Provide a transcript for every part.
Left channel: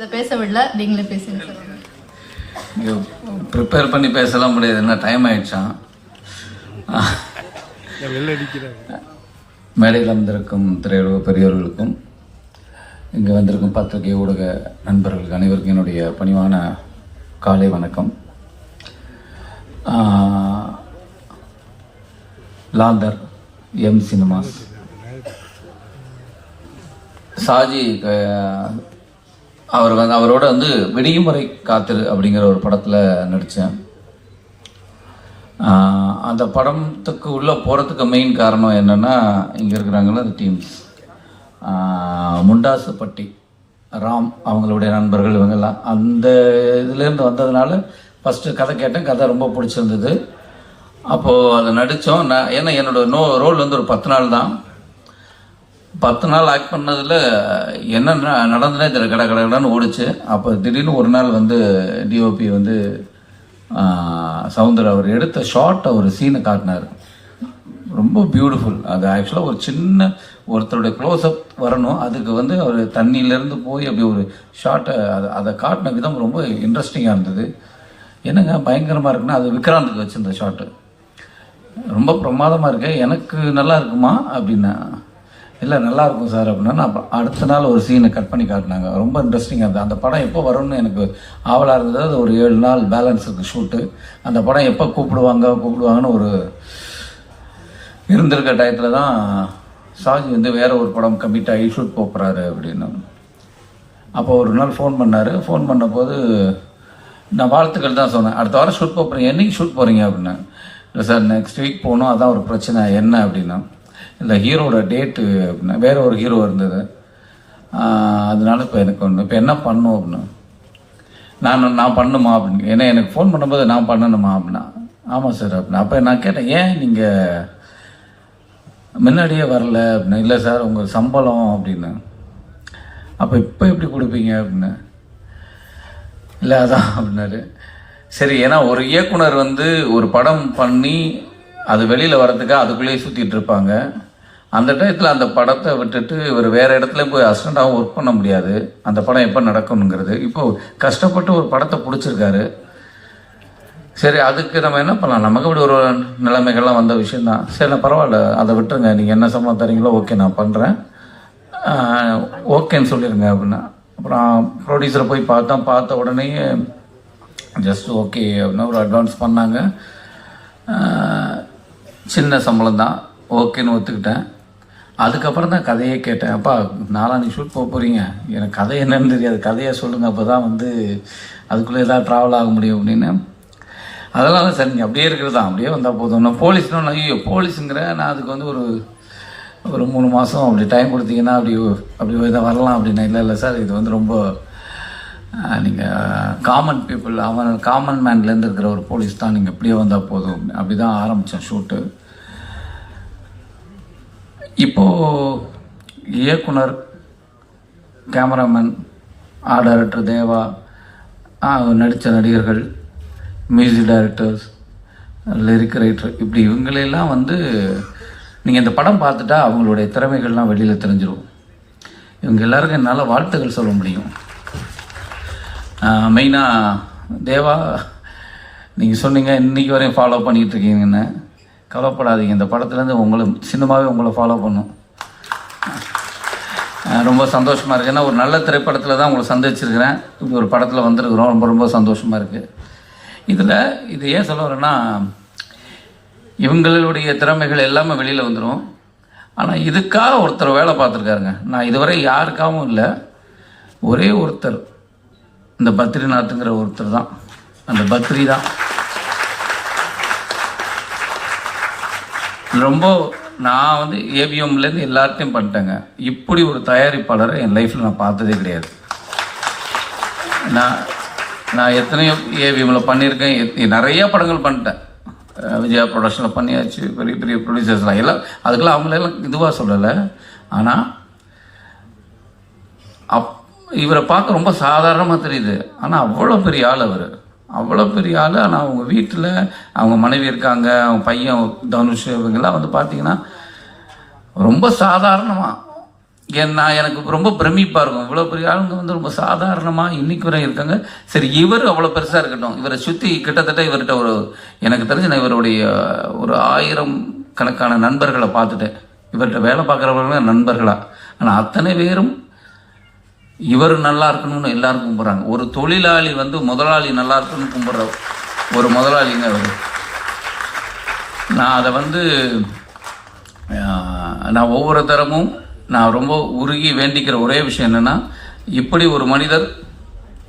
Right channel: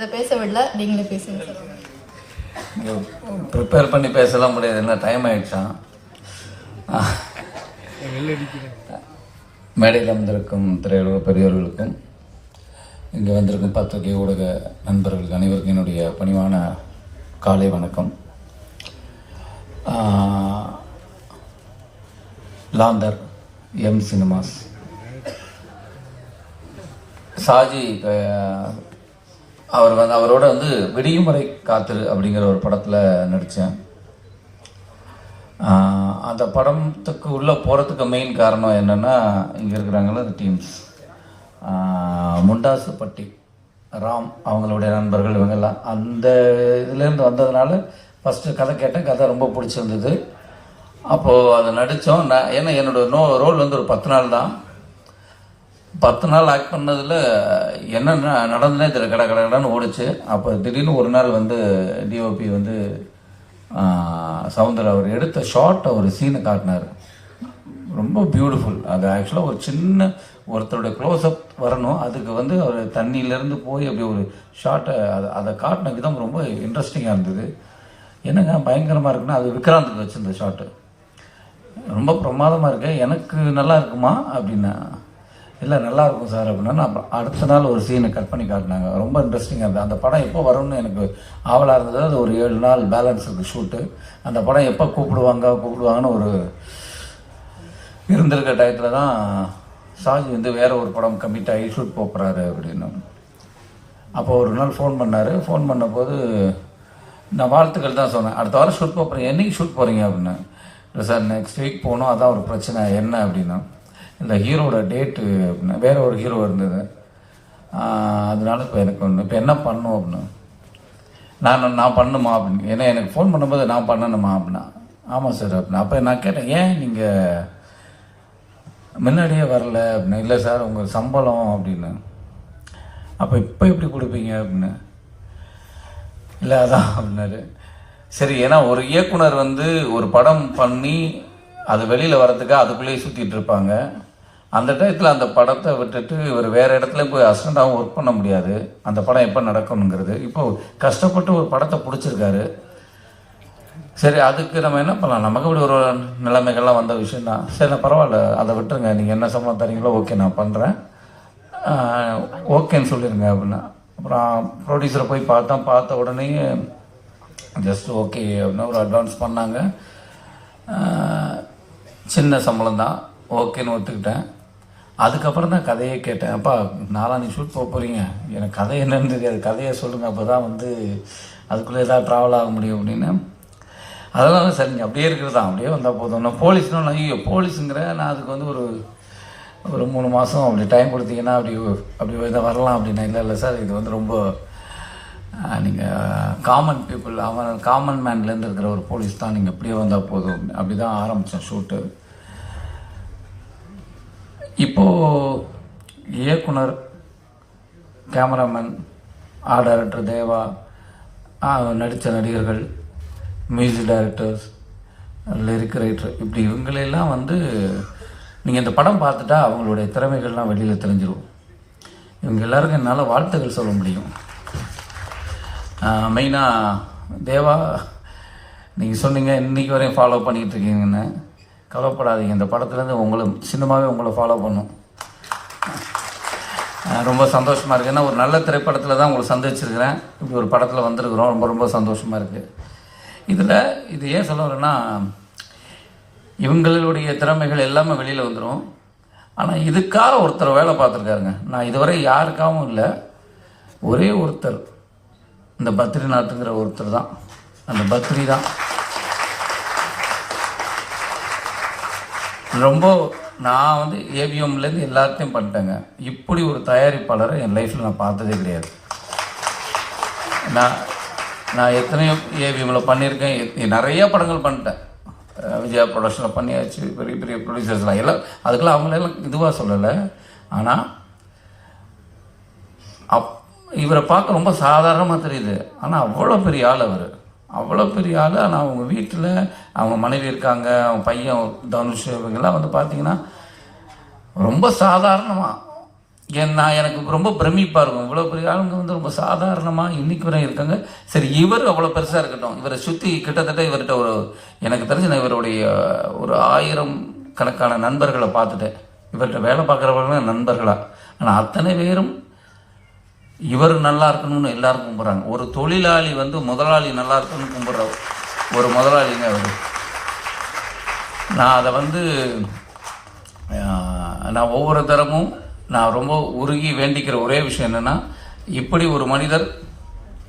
இதை பேச நீங்களே பேசுங்க இங்கே ப்ரிப்பேர் பண்ணி பேசலாம் முடியாது என்ன டைம் ஆயிடுச்சான் மேடையில் வந்திருக்கும் திரையுலக பெரியவர்களுக்கும் இங்கே வந்திருக்கும் பத்திரிகை ஊடக நண்பர்களுக்கு அனைவருக்கும் என்னுடைய பணிவான காலை வணக்கம் லாந்தர் எம் சினிமாஸ் சாஜி அவர் வந்து அவரோட வந்து விடியும் காத்திரு அப்படிங்கிற ஒரு படத்தில் நடித்தேன் அந்த படத்துக்கு உள்ளே போகிறதுக்கு மெயின் காரணம் என்னென்னா இங்கே இருக்கிறாங்களா அந்த டீம்ஸ் முண்டாசுப்பட்டி ராம் அவங்களுடைய நண்பர்கள் இவங்கெல்லாம் அந்த இதுலேருந்து வந்ததுனால ஃபஸ்ட்டு கதை கேட்டேன் கதை ரொம்ப பிடிச்சிருந்தது அப்போது அதை நடித்தோம் நான் ஏன்னா என்னோடய நோ ரோல் வந்து ஒரு பத்து நாள் தான் பத்து நாள் ஆக்ட் பண்ணதில் என்ன நடந்ததுனே இதில் கடை கடகடான்னு ஓடிச்சு அப்போ திடீர்னு ஒரு நாள் வந்து டிஓபி வந்து சவுந்தர் அவர் எடுத்த ஷார்ட் அவர் சீனை காட்டினார் ரொம்ப பியூட்டிஃபுல் அது ஆக்சுவலாக ஒரு சின்ன ஒருத்தருடைய க்ளோஸ்அப் வரணும் அதுக்கு வந்து அவர் தண்ணியிலேருந்து போய் அப்படி ஒரு ஷார்ட்டை அதை அதை காட்டின விதம் ரொம்ப இன்ட்ரெஸ்டிங்காக இருந்தது என்னங்க பயங்கரமாக இருக்குன்னா அது விக்ராந்துக்கு வச்சுருந்த ஷார்ட்டு ரொம்ப பிரமாதமாக இருக்கு எனக்கு நல்லா இருக்குமா அப்படின்னா இல்லை நல்லா இருக்கும் சார் அப்படின்னா நான் அடுத்த நாள் ஒரு சீனை கட் பண்ணி காட்டினாங்க ரொம்ப இன்ட்ரெஸ்டிங்காக இருந்தது அந்த படம் எப்போ வரும்னு எனக்கு ஆவலாக இருந்தது அது ஒரு ஏழு நாள் பேலன்ஸ் இருக்குது ஷூட்டு அந்த படம் எப்போ கூப்பிடுவாங்க கூப்பிடுவாங்கன்னு ஒரு இருந்திருக்க டயத்தில் தான் சாஜ் வந்து வேற ஒரு படம் கம்மிட் ஆகி ஷூட் போகிறாரு அப்படின்னு அப்போ ஒரு நாள் ஃபோன் பண்ணார் ஃபோன் பண்ணபோது நான் வாழ்த்துக்கள் தான் சொன்னேன் அடுத்த வாரம் ஷூட் போகிறேன் என்றைக்கு ஷூட் போகிறீங்க அப்படின்னு இல்லை சார் நெக்ஸ்ட் வீக் போகணும் அதான் ஒரு பிரச்சனை என்ன அப்படின்னா இந்த ஹீரோட டேட்டு அப்படின்னா வேற ஒரு ஹீரோ இருந்தது அதனால இப்போ எனக்கு ஒன்று இப்போ என்ன பண்ணும் அப்படின்னு நான் நான் பண்ணுமா அப்படின்னு ஏன்னா எனக்கு ஃபோன் பண்ணும்போது நான் பண்ணணுமா அப்படின்னா ஆமாம் சார் அப்படின்னா அப்போ நான் கேட்டேன் ஏன் நீங்கள் முன்னாடியே வரல அப்படின்னு இல்லை சார் உங்கள் சம்பளம் அப்படின்னு அப்போ இப்போ எப்படி கொடுப்பீங்க அப்படின்னு இல்லை அதான் அப்படின்னாரு சரி ஏன்னா ஒரு இயக்குனர் வந்து ஒரு படம் பண்ணி அது வெளியில் வரதுக்கு அதுக்குள்ளேயே சுற்றிட்டு இருப்பாங்க அந்த டயத்தில் அந்த படத்தை விட்டுட்டு இவர் வேறு இடத்துல போய் அசிஸ்டண்ட்டாகவும் ஒர்க் பண்ண முடியாது அந்த படம் எப்போ நடக்கணுங்கிறது இப்போது கஷ்டப்பட்டு ஒரு படத்தை பிடிச்சிருக்காரு சரி அதுக்கு நம்ம என்ன பண்ணலாம் நமக்கு இப்படி ஒரு நிலைமைகள்லாம் வந்த விஷயந்தான் சரி நான் பரவாயில்ல அதை விட்டுருங்க நீங்கள் என்ன சம்பளம் தரீங்களோ ஓகே நான் பண்ணுறேன் ஓகேன்னு சொல்லிடுங்க அப்படின்னா அப்புறம் ப்ரொடியூசரை போய் பார்த்தோம் பார்த்த உடனே ஜஸ்ட் ஓகே அப்படின்னா ஒரு அட்வான்ஸ் பண்ணாங்க சின்ன சம்பளம் தான் ஓகேன்னு ஒத்துக்கிட்டேன் அதுக்கப்புறம் தான் கதையை கேட்டேன் அப்பா நீ ஷூட் போக போகிறீங்க எனக்கு கதை என்னன்னு தெரியாது கதையை சொல்லுங்கள் அப்போ தான் வந்து அதுக்குள்ளே எதாவது ட்ராவல் ஆக முடியும் அப்படின்னு அதெல்லாம் தான் சரிங்க அப்படியே இருக்கிறது தான் அப்படியே வந்தால் போதும் நான் போலீஸ்னால் ஐயோ போலீஸுங்கிற நான் அதுக்கு வந்து ஒரு ஒரு மூணு மாதம் அப்படி டைம் கொடுத்தீங்கன்னா அப்படி அப்படி எதாவது வரலாம் அப்படின்னா இல்லை இல்லை சார் இது வந்து ரொம்ப நீங்கள் காமன் பீப்புள் அவன் காமன் மேன்லேருந்து இருக்கிற ஒரு போலீஸ் தான் நீங்கள் இப்படியே வந்தால் போதும் அப்படி தான் ஆரம்பித்தோம் ஷூட்டு இப்போ இயக்குனர் கேமராமேன் ஆ டைரக்டர் தேவா நடித்த நடிகர்கள் மியூசிக் டைரக்டர்ஸ் லிரிக் ரைட்டர் இப்படி இவங்களெல்லாம் வந்து நீங்கள் இந்த படம் பார்த்துட்டா அவங்களுடைய திறமைகள்லாம் வெளியில் தெரிஞ்சிடும் இவங்க எல்லாருக்கும் என்னால் வாழ்த்துக்கள் சொல்ல முடியும் மெயினாக தேவா நீங்கள் சொன்னீங்க இன்றைக்கி வரையும் ஃபாலோ பண்ணிகிட்ருக்கீங்கன்னு கவலைப்படாதீங்க இந்த படத்துலேருந்து உங்களும் சின்னமாகவே உங்களை ஃபாலோ பண்ணும் ரொம்ப சந்தோஷமாக இருக்குது ஏன்னா ஒரு நல்ல திரைப்படத்தில் தான் உங்களை சந்திச்சிருக்கிறேன் இப்போ ஒரு படத்தில் வந்திருக்கிறோம் ரொம்ப ரொம்ப சந்தோஷமாக இருக்குது இதில் இது ஏன் சொல்ல வரேன்னா இவங்களுடைய திறமைகள் எல்லாமே வெளியில் வந்துடும் ஆனால் இதுக்காக ஒருத்தர் வேலை பார்த்துருக்காருங்க நான் இதுவரை யாருக்காகவும் இல்லை ஒரே ஒருத்தர் இந்த பத்ரிநாத்துங்கிற ஒருத்தர் தான் அந்த பத்ரி தான் ரொம்ப நான் வந்து ஏவிஎம்லேருந்து எல்லாத்தையும் பண்ணிட்டேங்க இப்படி ஒரு தயாரிப்பாளரை என் லைஃப்பில் நான் பார்த்ததே கிடையாது நான் நான் எத்தனையோ ஏவிஎம்மில் பண்ணியிருக்கேன் நிறைய படங்கள் பண்ணிட்டேன் விஜயா ப்ரொடக்ஷனில் பண்ணியாச்சு பெரிய பெரிய ப்ரொடியூசர்ஸ்லாம் எல்லாம் அதுக்கெல்லாம் அவங்களெல்லாம் இதுவாக சொல்லலை ஆனால் அப் இவரை பார்க்க ரொம்ப சாதாரணமாக தெரியுது ஆனால் அவ்வளோ பெரிய ஆள் அவர் அவ்வளோ பெரிய ஆள் ஆனால் அவங்க வீட்டில் அவங்க மனைவி இருக்காங்க அவங்க பையன் தனுஷ் இவங்கெல்லாம் வந்து பார்த்தீங்கன்னா ரொம்ப சாதாரணமாக ஏன்னா எனக்கு ரொம்ப பிரமிப்பாக இருக்கும் இவ்வளோ பெரிய ஆளுங்க வந்து ரொம்ப சாதாரணமாக இன்னைக்கு வரை இருக்காங்க சரி இவர் அவ்வளோ பெருசாக இருக்கட்டும் இவரை சுற்றி கிட்டத்தட்ட இவர்கிட்ட ஒரு எனக்கு தெரிஞ்சு நான் இவருடைய ஒரு ஆயிரம் கணக்கான நண்பர்களை பார்த்துட்டேன் இவர்கிட்ட வேலை பார்க்குறவர்களும் நண்பர்களாக ஆனால் அத்தனை பேரும் இவர் நல்லா இருக்கணும்னு எல்லாரும் கும்பிட்றாங்க ஒரு தொழிலாளி வந்து முதலாளி நல்லா இருக்கணும்னு கும்பிட்ற ஒரு முதலாளிங்க அவர் நான் அதை வந்து நான் ஒவ்வொரு தரமும் நான் ரொம்ப உருகி வேண்டிக்கிற ஒரே விஷயம் என்னென்னா இப்படி ஒரு மனிதர்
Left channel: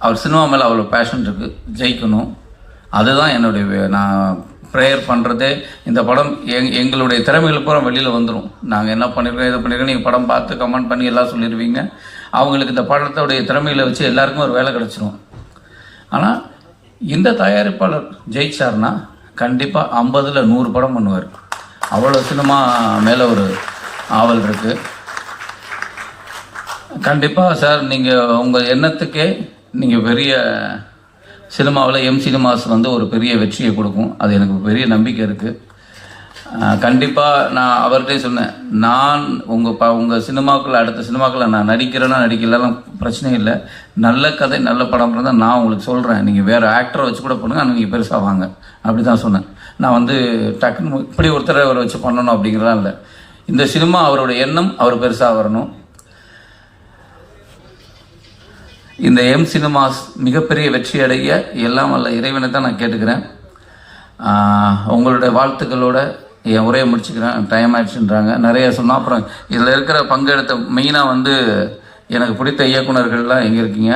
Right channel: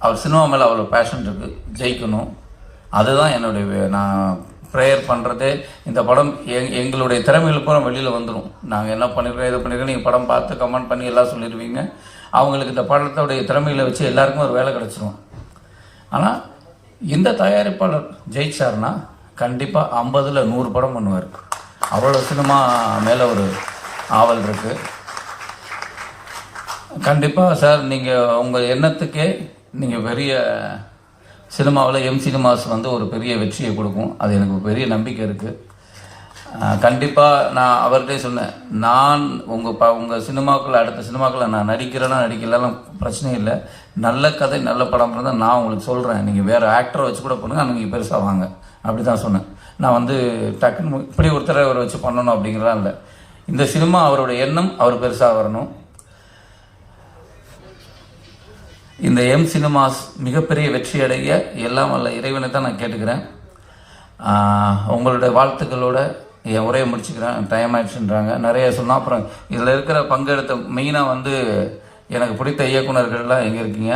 அவர் சினிமா மேலே அவ்வளோ பேஷன் இருக்குது ஜெயிக்கணும் அதுதான் என்னுடைய நான் ப்ரேயர் பண்ணுறதே இந்த படம் எங் எங்களுடைய திறமைகள் பூரா வெளியில் வந்துடும் நாங்கள் என்ன பண்ணியிருக்கோம் இதை பண்ணியிருக்கோம் நீங்கள் படம் பார்த்து கமெண்ட் பண்ணி எல்லாம் சொல்லிடுவீங்க அவங்களுக்கு இந்த படத்தோடைய திறமையில் வச்சு எல்லாருக்கும் ஒரு வேலை கிடச்சிரும் ஆனால் இந்த தயாரிப்பாளர் ஜெயிச்சார்னா கண்டிப்பாக ஐம்பதில் நூறு படம் பண்ணுவார் அவ்வளோ சினிமா மேலே ஒரு ஆவல் இருக்குது கண்டிப்பாக சார் நீங்கள் உங்கள் எண்ணத்துக்கே நீங்கள் பெரிய சினிமாவில் எம் சினிமாஸ் வந்து ஒரு பெரிய வெற்றியை கொடுக்கும் அது எனக்கு பெரிய நம்பிக்கை இருக்குது கண்டிப்பாக நான் அவர்கிட்ட சொன்னேன் நான் உங்கள் ப உங்கள் சினிமாக்கள் அடுத்த சினிமாக்களில் நான் நடிக்கிறேன்னா நடிக்கலாம் பிரச்சனை இல்லை நல்ல கதை நல்ல படம் இருந்தால் நான் உங்களுக்கு சொல்கிறேன் நீங்கள் வேறு ஆக்டரை வச்சு கூட பண்ணுங்கள் நீங்கள் பெருசாக வாங்க அப்படி தான் சொன்னேன் நான் வந்து டக்குன்னு இப்படி ஒருத்தரை அவரை வச்சு பண்ணணும் அப்படிங்கிறதா இல்லை இந்த சினிமா அவரோட எண்ணம் அவர் பெருசாக வரணும் இந்த எம் சினிமாஸ் மிகப்பெரிய வெற்றி அடைய எல்லாம் வல்ல இறைவனை தான் நான் கேட்டுக்கிறேன் உங்களுடைய வாழ்த்துக்களோட என் உரையை முடிச்சுக்கிறேன் டைம் ஆயிடுச்சுன்றாங்க நிறைய சொன்னோம் அப்புறம் இதில் இருக்கிற பங்கெடுத்த மெயினாக வந்து எனக்கு பிடித்த இயக்குநர்கள்லாம் எங்கே இருக்கீங்க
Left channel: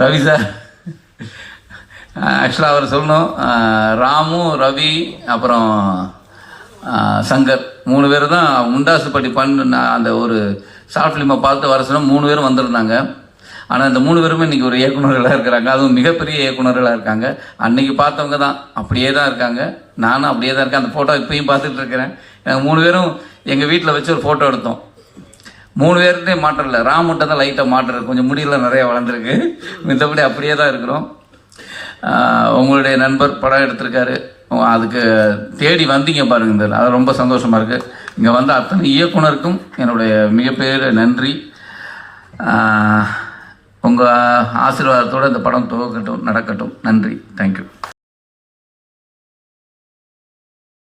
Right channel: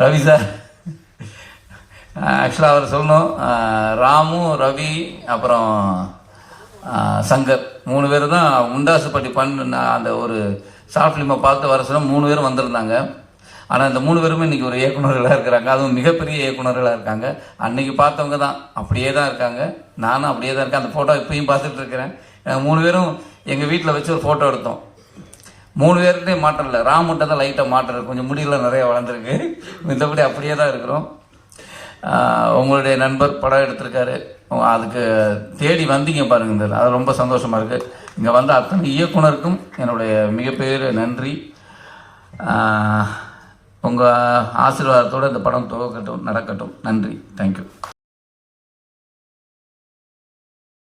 ரவி சார் ஆக்சுவலாக அவர் சொல்லணும் ராமு ரவி அப்புறம் சங்கர் மூணு பேர் தான் முண்டாசுப்பட்டி பண்ண அந்த ஒரு ஷார்ட் ஃபிலிமை பார்த்து வர சொன்னால் மூணு பேரும் வந்திருந்தாங்க ஆனால் இந்த மூணு பேருமே இன்றைக்கி ஒரு இயக்குநர்களாக இருக்கிறாங்க அதுவும் மிகப்பெரிய இயக்குநர்களாக இருக்காங்க அன்னைக்கு பார்த்தவங்க தான் அப்படியே தான் இருக்காங்க நானும் அப்படியே தான் இருக்கேன் அந்த ஃபோட்டோ இப்பயும் பார்த்துட்டு இருக்கிறேன் நாங்கள் மூணு பேரும் எங்கள் வீட்டில் வச்சு ஒரு ஃபோட்டோ எடுத்தோம் மூணு பேர்கிட்டே மாற்றம் இல்லை ராம் மட்டும் தான் லைட்டாக மாற்றுறது கொஞ்சம் முடியெல்லாம் நிறையா வளர்ந்துருக்கு மித்தபடி அப்படியே தான் இருக்கிறோம் உங்களுடைய நண்பர் படம் எடுத்திருக்காரு அதுக்கு தேடி வந்தீங்க பாருங்க இந்த அது ரொம்ப சந்தோஷமாக இருக்குது இங்கே வந்த அத்தனை இயக்குனருக்கும் என்னுடைய மிகப்பெரிய நன்றி உங்கள் ஆசீர்வாதத்தோடு இந்த படம் துவக்கட்டும் நடக்கட்டும் நன்றி தேங்க்யூ